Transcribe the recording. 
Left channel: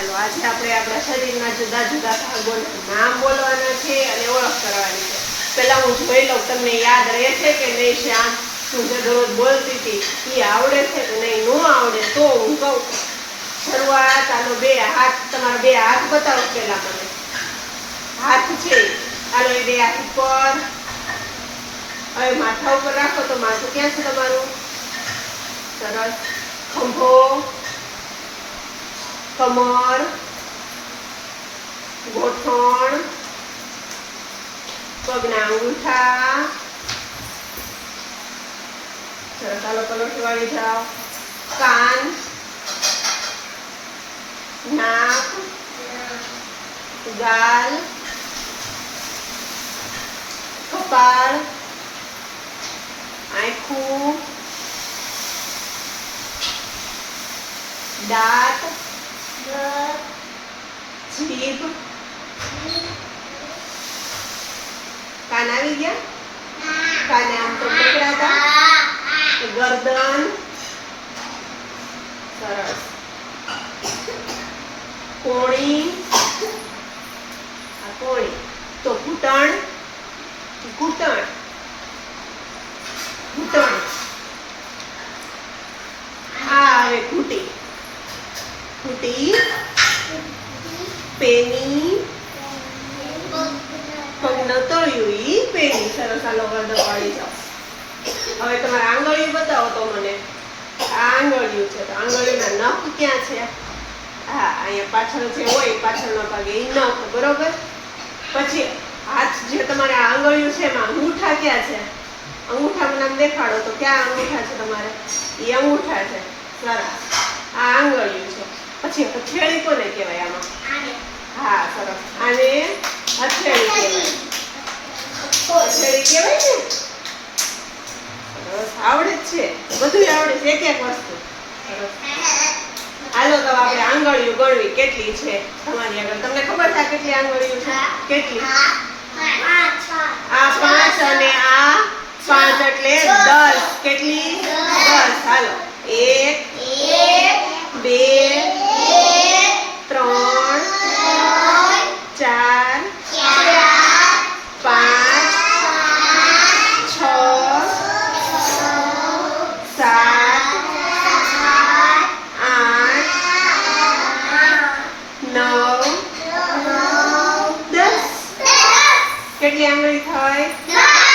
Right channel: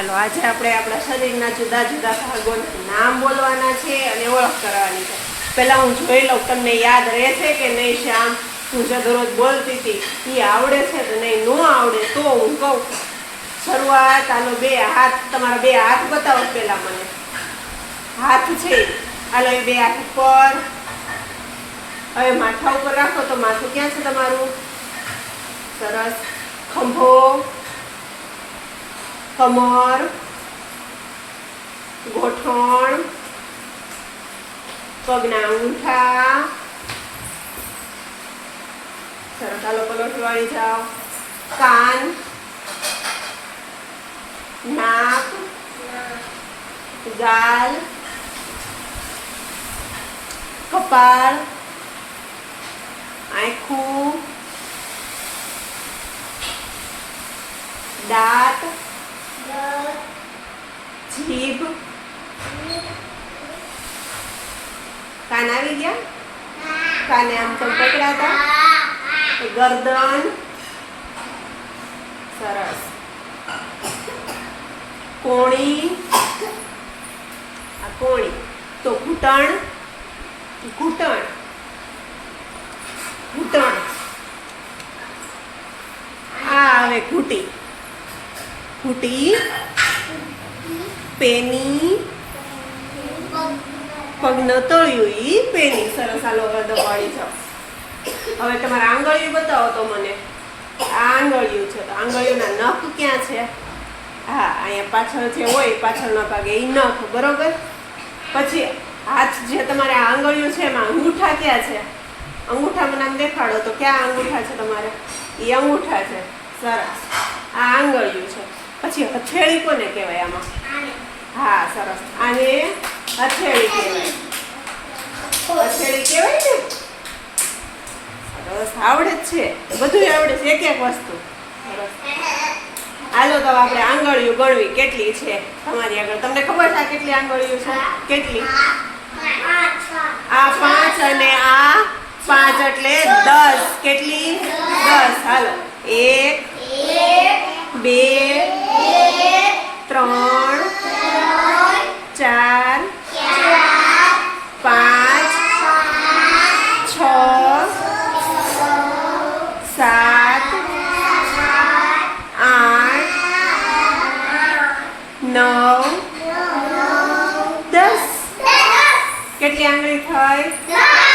હાલો આજે આપણે આપણા શરીરના જુદા જુદા ભાગોનું નામ બોલવાના છે અને ઓળખ કરવાની છે. પહેલાં હું જોઈ લઉં, તમને યાદ રહેશે કે નહીં શ્યામ, હું જે બોલતી હતી એ આવડે છે કે નહીં? ન આવડે, તો હું કહું. શરૂઆત આનો બે હાથ, તમારા બે હાથ બતાવો પહેલા મને. હાથ છે. આનો એ બે હાથ ઉપર. હવે માથા ઉપર રાખો તો માથું ક્યાં છે તમારું? સરસ. કમર ગોઠણ, પગના ઊંઠા. સરસ હાલો પગરથી વાળી જાઓ. કાન, નાક, ગાલ, કપાળ, આંખું, દાંત જીભ કાન આવી ગયા? કાને આમ તો પકડ્યા હતા. તો ગરદન. સરસ. કોળી. આ કોળી. તો ઘૂંટણ. ઘૂંટણ. ઘૂંટણ. આ આવે ઘૂંટી. ઘૂંટી. પેની પગનો તળિયું ઈ? પેની સરસ આલો બધો પાડી જાઓ હવે તમારા આંગળીઓ બતાવો તો મને. આ આંગળીઓ છે તો આંગળીઓના નખ ક્યાં છે? હા, અહીંયા પાછળ જે હોય પાછળના ભાગે, એ નખ, બરોબર? પછી હાથ જે તમારે આ આંગળીઓ છે એમાં અંગૂઠા ક્યાં છે? અંગૂઠાનું નામ દેખાડો તો ક્યાં અંગૂઠા છે તમારે? એ અંગૂઠા છે. સરસ. આ આંગળિયું છે. પછી અથેળી કોને કહેવાય આમાં? હા સરસ. આને અથેળી કહેવાય. અથેળી કહેવાય ને? સરસ. આવડે જ છે. બધું આવડે છે. એક એક વસ્તુ. હાલો તો આપણે આંગળીઓ ગણવી કેટલી છે? તમારી આગળ તમને ખબર છે કેટલી આંગળીઓ છે? કેટલી? આ પાંચ અને આ પાંચ એટલે દસ. કેટલી? દસ. હાલો. કેટલી આંગળી થઈ